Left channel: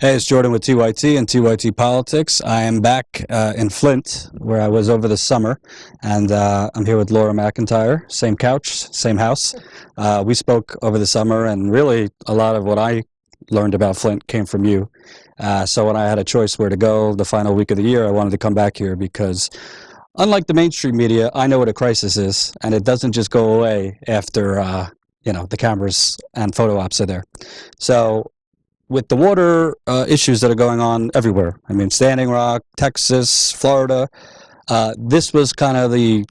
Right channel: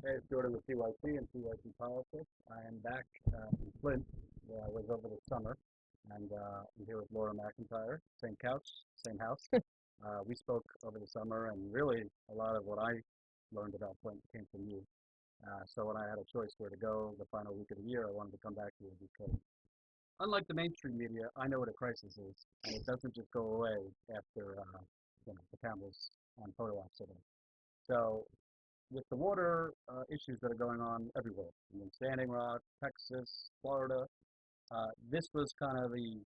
Hey, it's Jordan with TYT and TYT Politics. I am back in Flint, where I was over the summer, and I'm here with Laura McIntyre. Same couch, same house. We spoke over the summer, and really a lot of what I learned about Flint came from you. So when I had a choice where to go the final week of the year, I wanted to come back here because, unlike the mainstream media, I know what a crisis is, and it doesn't just go away after the cameras and photo ops are there. So with the water issues that are going on everywhere. I mean, Standing Rock, Texas, Florida. This was kind of the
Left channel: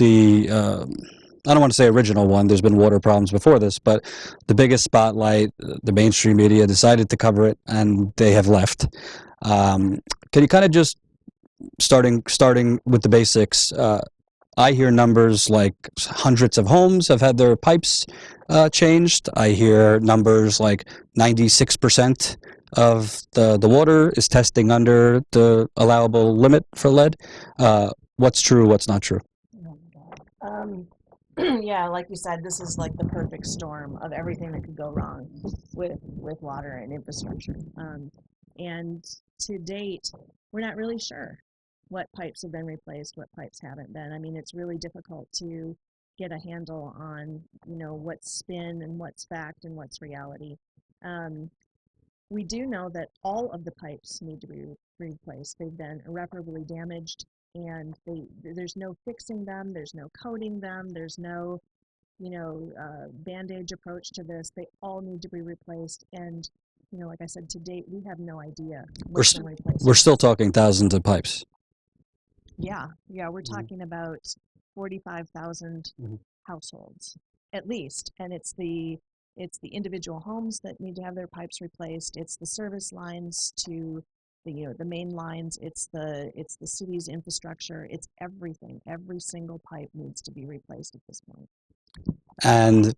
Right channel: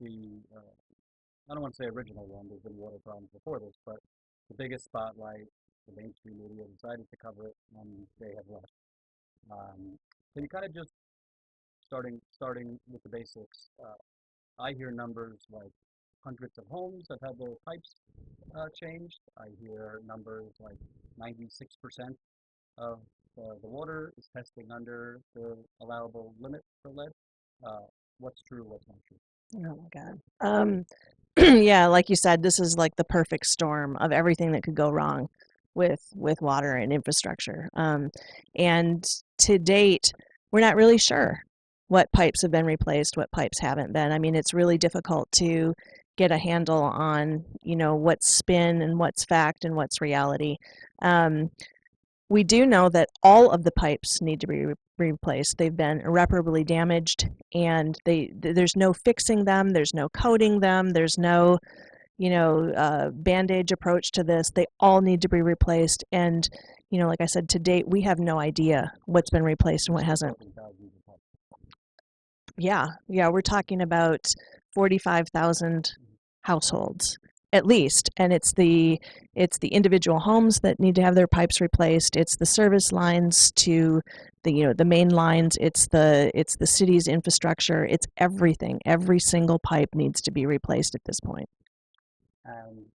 I don't want to say original one. There's been water problems before this, but the biggest spotlight. The mainstream media decided to cover it, and they have left. Can you kind of just starting with the basics? I hear numbers like hundreds of homes have had their pipes changed. I hear numbers like 96% of the water is testing under the allowable limit for lead. What's true? What's not true? Oh my God. Yeah, like you said, this is like the perfect storm of everything that could go wrong with water and infrastructure. And to date, we're not really sure what pipes have been replaced, what pipes haven't been. I mean, it's really difficult to get a handle on, what's spin and what's fact and what's reality. Um, we do know that all of the pipes need to be replaced. They've been irreparably damaged, and there's no fixing them. There's no coating them. There's no, bandage approach to this. They all need to be replaced. And, like I said, to date, we have no idea what's been replaced We're and what still hasn't. talking thousands of pipes. Yeah, we're talking about 45,000 Mhm. households at least, and it's the individual homes that need to have their pipes replaced. It's the service lines to the main lines. It's the city's infrastructure. It's everything. Every single pipe needs to be replaced at this point. And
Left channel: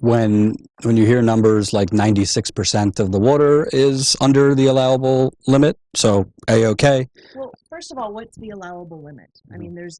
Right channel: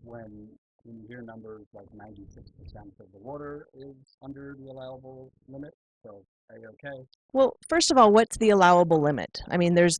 when you hear numbers like 96% of the water is under the allowable limit, so A-OK. Well, first of all, what's the allowable limit? I mean, there's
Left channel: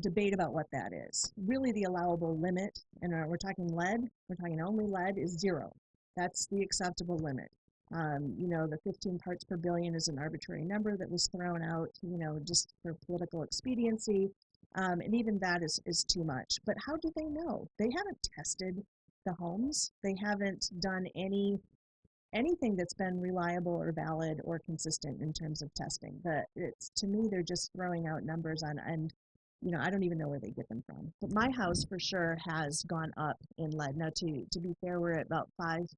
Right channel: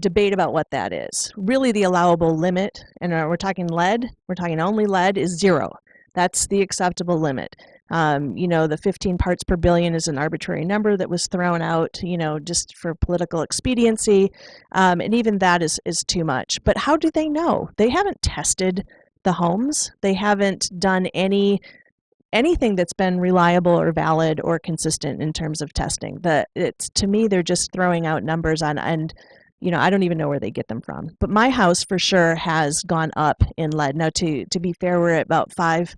debate about what that is. Really, the allowable limit, and we're talking lead, we're talking only lead, is 0. That's the acceptable limit. The 15 parts per billion is an arbitrary number that was thrown out, just for political expediency, and even that is too much. But how do they know? They haven't tested the homes. They haven't done anything that's been reliable or valid or consistent in terms of testing. It's, to me, they're just throwing out numbers on, and I don't even know where they get them from. But my house for sure has gone up in lead. Now, to be fair, we're at about 5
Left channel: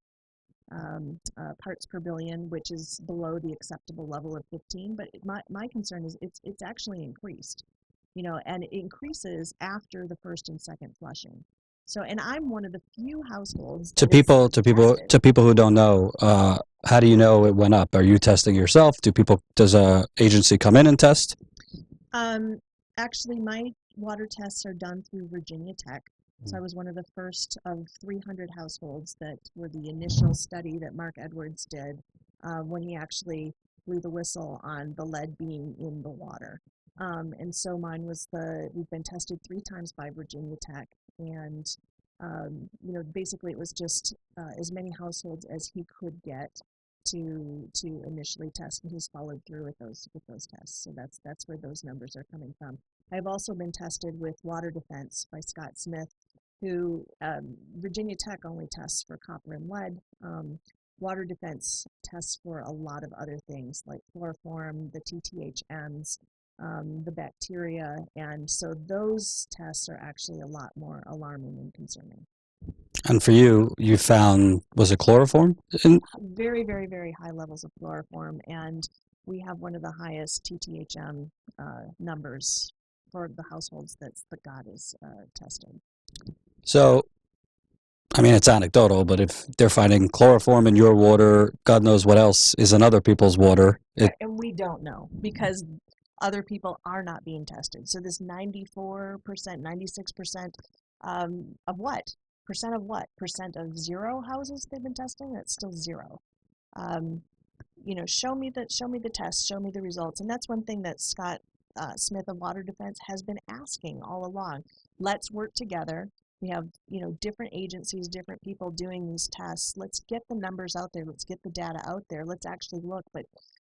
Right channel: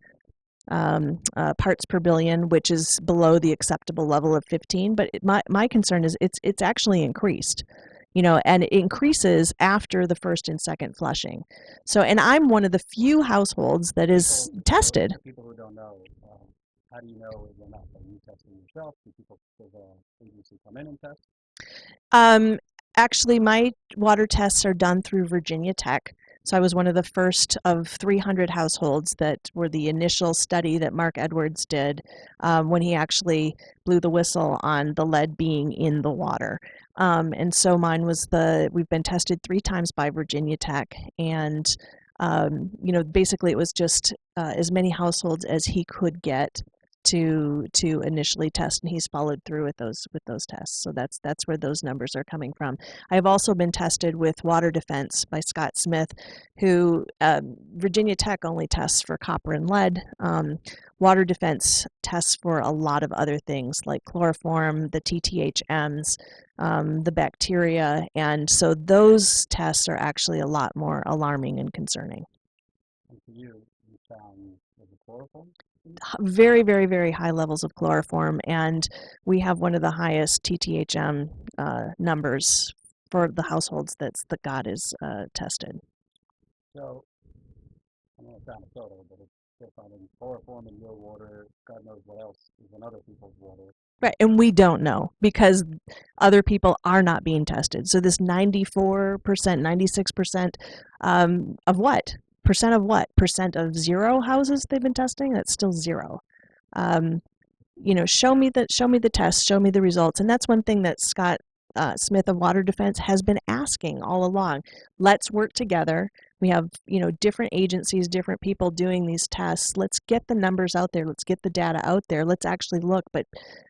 parts per billion, which is below the acceptable level of 15. But my concern is it's actually increased, and it increases after the first and second flushing. So, and I'm one of the few households To that people, is to people, tested. to people who don't know, how do you know it went up? Are you testing yourself? Does a agency come in and test? Um, Actually, my water tests are done through Virginia Tech. So I was one of the first of 300 households that were the initial study that Mark Edwards did, when he actually blew the whistle on the lead being in the water. And so mine was we've been tested 3 times by Virginia Tech. And, basically it was just as many households as he could get to initially test, and he's followed through with those tests. So that's where those numbers are coming from. I've also been tested with Water Defense by Scott Smith, who Virginia Tech only tests for copper and lead. Water Defense tests for a lot of other things like chloroform, the TTHMs, the bacteria, and so those tests are actually a lot more alarming and concerning. And for you, you found, was it chloroform? Very, very, very high levels of chloroform, and we have one of the highest TTHM numbers for the households that got is tested. So, I mean, it's anecdotal, but if they're finding chloroform in your water, God knows what else is in other people's water. Right, and we don't know because other people are not being tested. So this 94%, 96% of what? Percent of what? Percent of 0 houses they've been testing? That's still 0. Um, show me the tests, show me the results. And that's one thing that Scott Smith of Water Defense has been asking all along. Let's work together. We have, different agencies, different people doing these tests. Let's get the numbers out there. Let's get the data out there. Let's actually look. But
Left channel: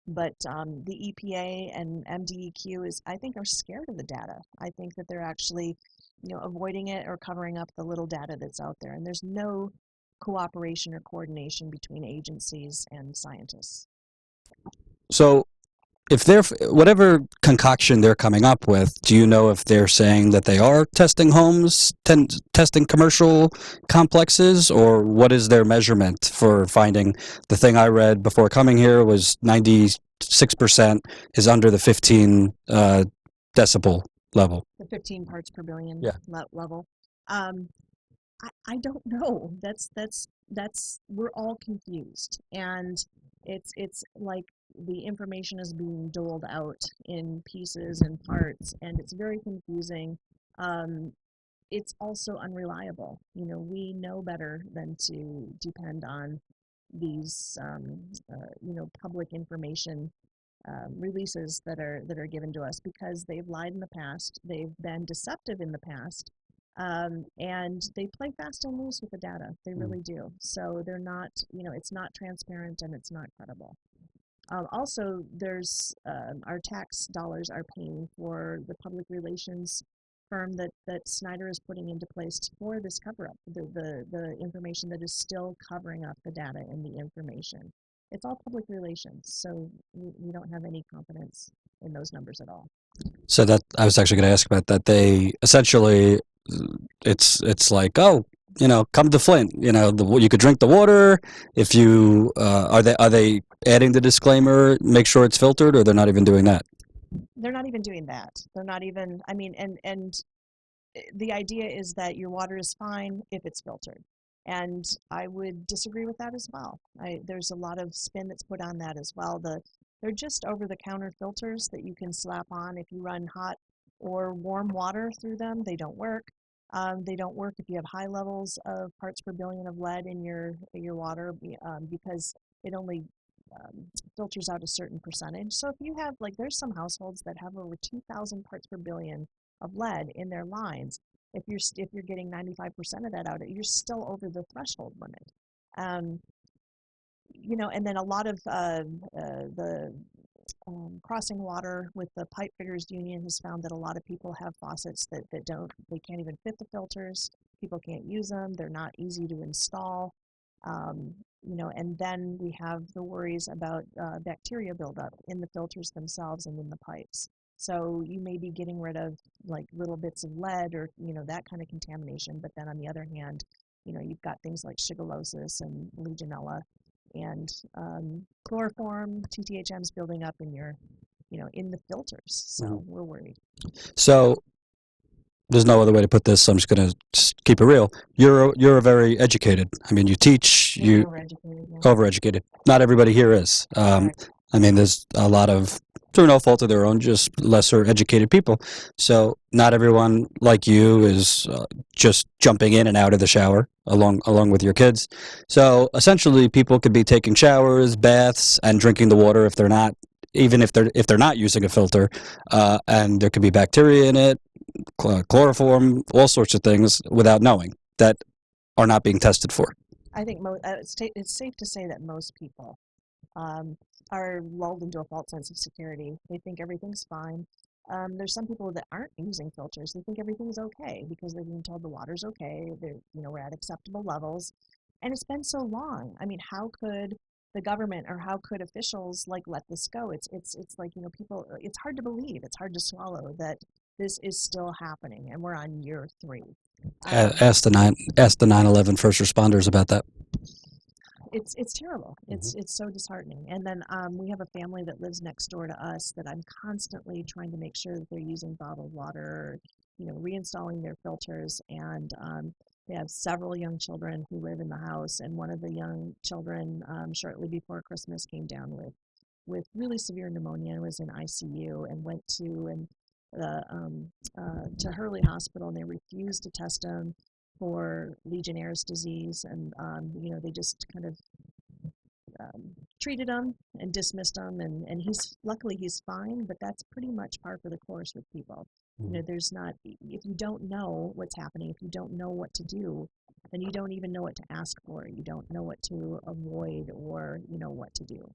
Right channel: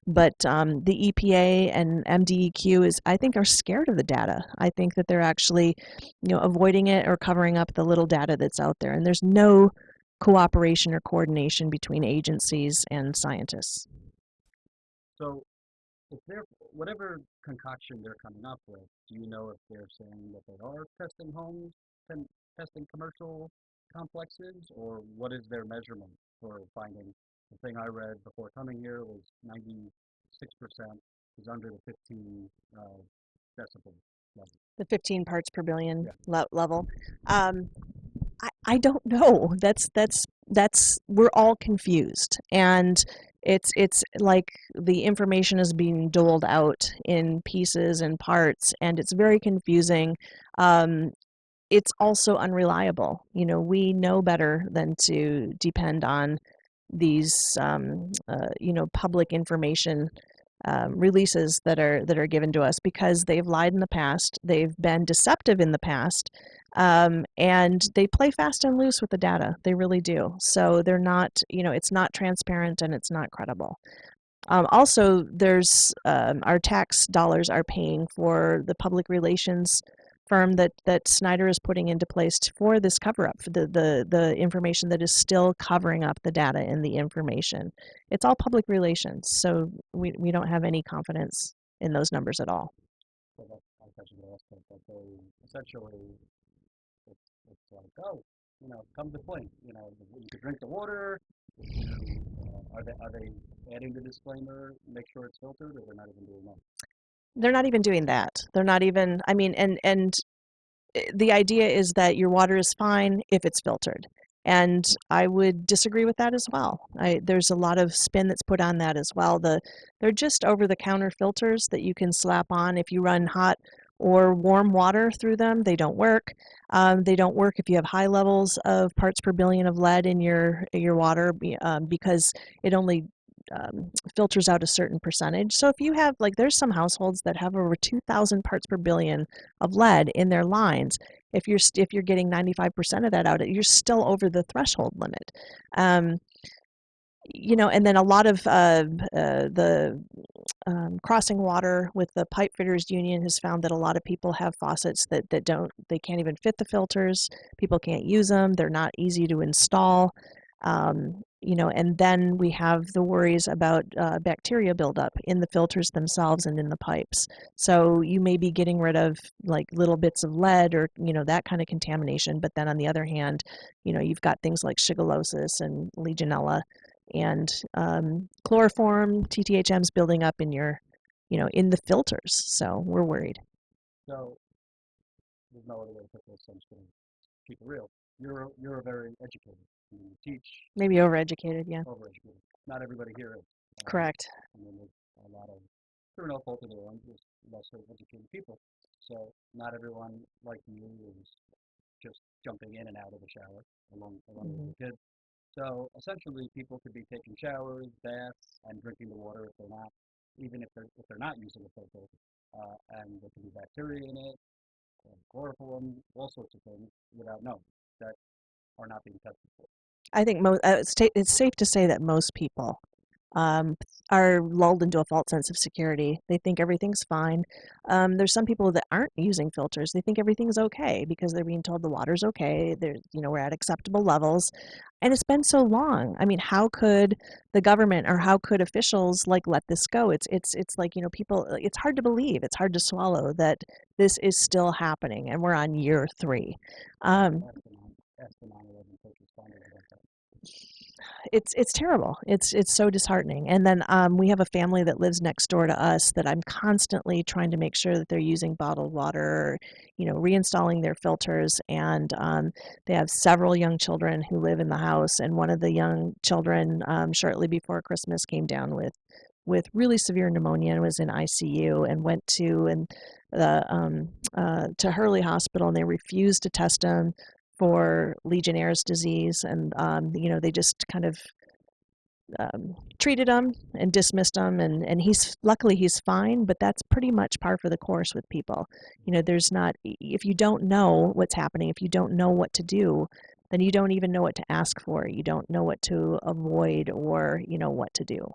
the EPA and MDEQ I think, are scared of the data. I think that they're actually, avoiding it or covering up the little data that's out there. And there's no cooperation or coordination between agencies and scientists. So, if they're whatever concoction they're coming up with, do you know if they're saying that they are testing homes, testing commercial complexes, or what is their measurement for finding? The thing I read before coming here was 96% is under the 15 decibel level. The 15 parts per billion Yeah. level. I don't know. That's we're all confused, and it's like the information is being doled out in pieces and parts, and it's very confusing. Um, it's also unreliable. We know better than to depend on these public information releases that are given to us, because they've lied in the past, they've been deceptive in the past, and they play fast and loose with the data. They really do. So they're not, it's not transparent and it's not credible. Also, there's our tax dollars are paying for the public relations firm that Snyder is putting into place for this cover up, for the information that is still covering up the data and the information. It's all public relations, so we don't have any confidence in those numbers at all. So that I was actually going to ask about that. They essentially, it's like, oh, come to Flint. You could drink the water. If you are they adding the disclaimer, make sure it's filtered, or they're not even doing that? They're not even doing that. They're not even. I mean, and the idea is that your water is fine if it's filtered. And I would disagree with that as well. There's a lot of spin that's put on that as well. They're just over-the-counter filters that you can slap on if you run hot or warm water through them. They don't work. They don't work if you have high levels of parts per billion of lead in your water, because it only filters out a certain percentage. So if you have, like, there's some households that have over 2,000 parts per billion of lead in their lines. If you're getting 95% of that out, you're still over the threshold limit. Um, and then a lot of the crossing water with the pipe fitters union has found that a lot of people have faucets that they can't even fit the filters. People can't use them. They're not easy to install. And then we have the worries about bacteria buildup in the filters themselves and in the pipes. So you may be getting rid of, like, little bits of lead or, that kind of contamination. But then on the other hand, you've got things like shigellosis and Legionella and chloroform, TTHMs building up in in the filters. So we're worried. So there's no other way to put this. So I'm just going to keep it real. You're very educated. I mean, you teach. Maybe overeducated, yeah. Overeducated. Not everybody here is. Correct. I mean, there's a lot of, through no fault of their own, just lesser educated people. So not everyone like you is just jumping in and out of the shower along with your kids. So essentially, people could be taking showers, baths, and drinking the water if they're not, even if they're not using a filter, and there could be bacteria in it, chloroform, all sorts of things without knowing that are not being tested for. I think it's safe to say that most people are lulled into a false sense of security. They think everything's fine. There's some people that aren't using filters. They think everything's okay because they're being told the water's okay. We're at acceptable levels. And it's been so long. I mean, how could the government or how could officials, like, let this go? It's like, people, it's hard to believe. It's hard to swallow that this is still happening and we're on year 3. Ask the 9/11 first responders about that. It's terrible. It's so disheartening. And then we have a family that lives next door to us that I'm constantly trying to make sure that they're using bottled water, reinstalling their filters. And they have several young children who live in the house. And one of the young children, shortly before Christmas, came down with really severe pneumonia and was in ICU and went to Hurley Hospital, and they refused to test him for Legionnaire's disease, and they just kind of treated him and dismissed him, and he's luckily he's fine, but that's pretty much par for the course with people. You know, there's not, if you don't know what's happening, if you don't know what to do, then you don't even know what to ask for. You don't know what to avoid or, you know, what to do.